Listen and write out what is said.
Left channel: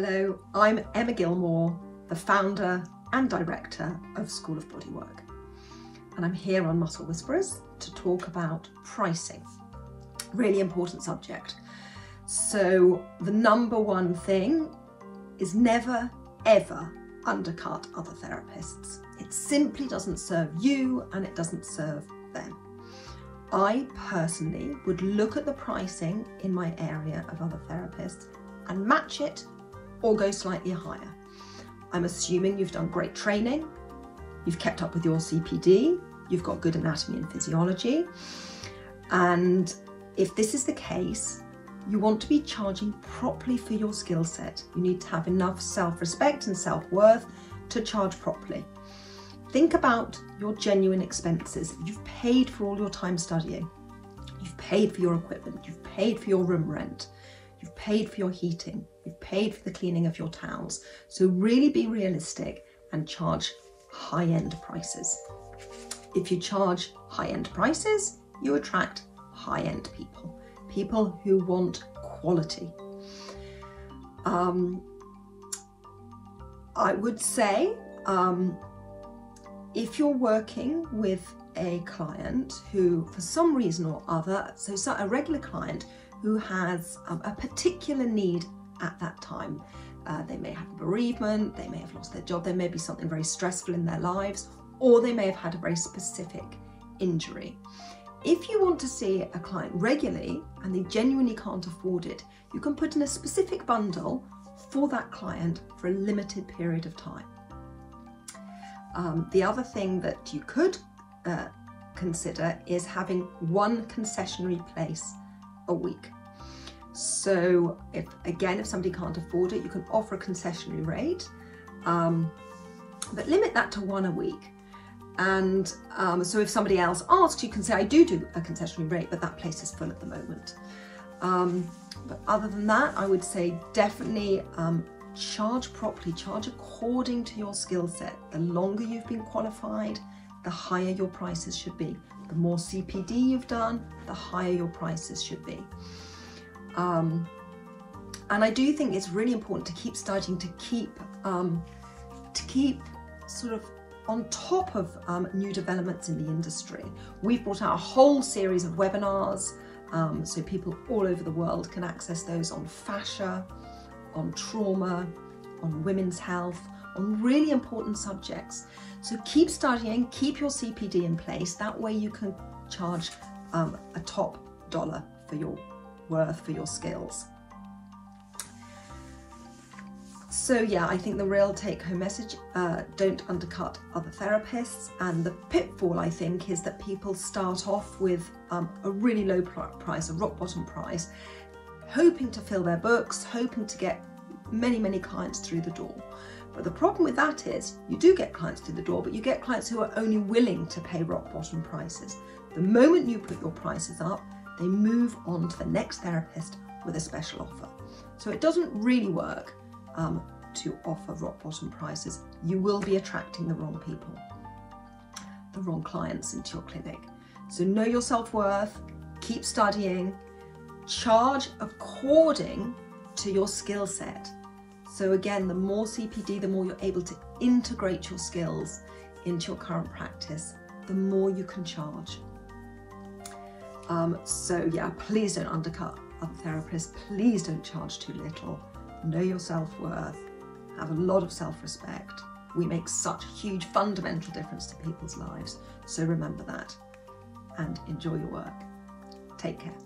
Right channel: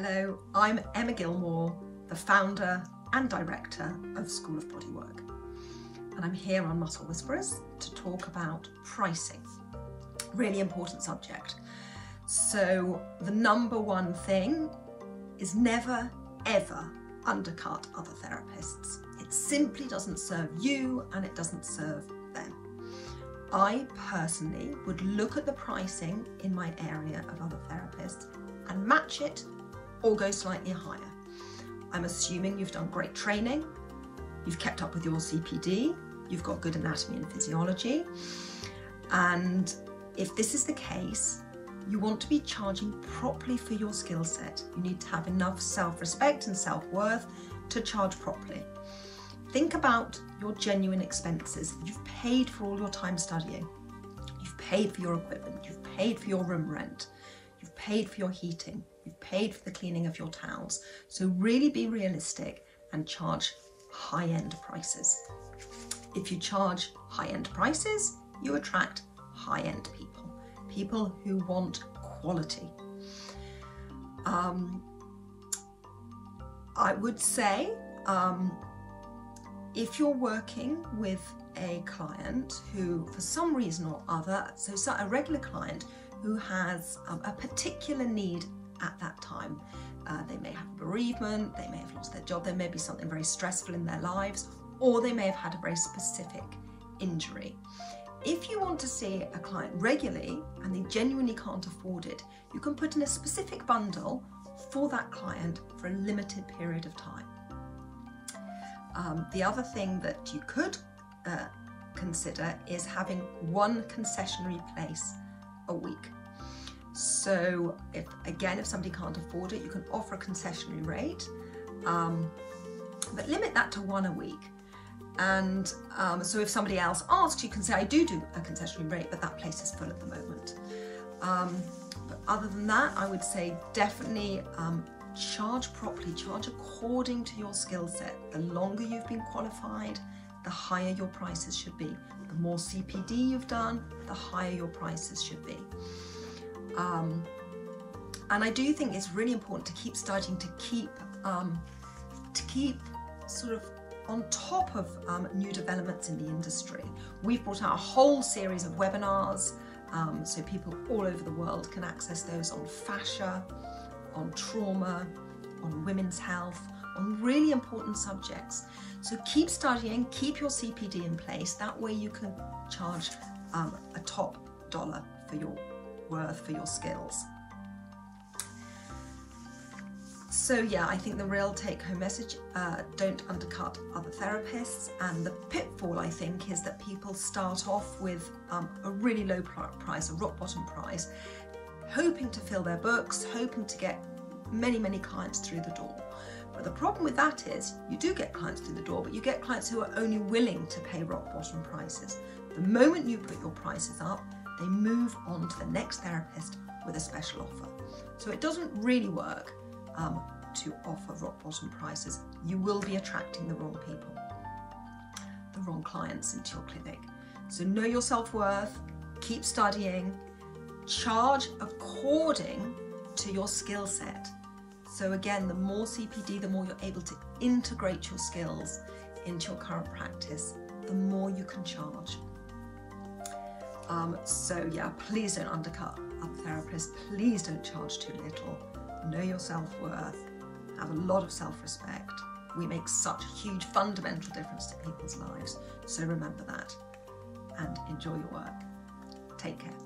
Hello, I'm Emma Gilmore, the founder and director of School of Bodywork. And I'm here on Muscle Whisperers to talk about pricing. Really important subject. So the number one thing is never, ever undercut other therapists. It simply doesn't serve you and it doesn't serve them. I personally would look at the pricing in my area of other therapists and match it or go slightly higher. I'm assuming you've done great training, you've kept up with your CPD, you've got good anatomy and physiology, and if this is the case, you want to be charging properly for your skill set. You need to have enough self-respect and self-worth to charge properly. Think about your genuine expenses. You've paid for all your time studying, you've paid for your equipment, you've paid for your room rent, you've paid for your heating, you've paid for the cleaning of your towels. So really be realistic and charge high-end prices. If you charge high-end prices, you attract high-end people, people who want quality. I would say, if you're working with a client who, for some reason or other, so a regular client who has a particular need at that time, they may have a bereavement, they may have lost their job, there may be something very stressful in their lives, or they may have had a very specific injury. If you want to see a client regularly and they genuinely can't afford it, you can put in a specific bundle for that client for a limited period of time. The other thing that you could consider is having one concessionary place a week. So if somebody can't afford it, you can offer a concessionary rate, but limit that to one a week. And so if somebody else asks, you can say, I do a concessionary rate, but that place is full at the moment. But other than that, I would say definitely charge properly, charge according to your skill set. The longer you've been qualified, the higher your prices should be. The more CPD you've done, the higher your prices should be. And I do think it's really important to keep studying, to keep sort of on top of new developments in the industry. We've brought out a whole series of webinars, so people all over the world can access those on fascia, on trauma, on women's health, on really important subjects. So keep studying, keep your CPD in place. That way you can charge a top dollar for your worth, for your skills. So yeah, I think the real take-home message, don't undercut other therapists. And the pitfall, I think, is that people start off with a really low price, a rock bottom price, hoping to fill their books, hoping to get many clients through the door. But the problem with that is you do get clients through the door, but you get clients who are only willing to pay rock bottom prices. The moment you put your prices up, they move on to the next therapist with a special offer. So it doesn't really work to offer rock bottom prices. You will be attracting the wrong people, the wrong clients into your clinic. So know your self-worth, keep studying, charge according to your skill set. So again, the more CPD, the more you're able to integrate your skills into your current practice, the more you can charge. So yeah, please don't undercut other therapists. Please don't charge too little. Know your self-worth. Have a lot of self-respect. We make such a huge fundamental difference to people's lives. So remember that and enjoy your work. Take care.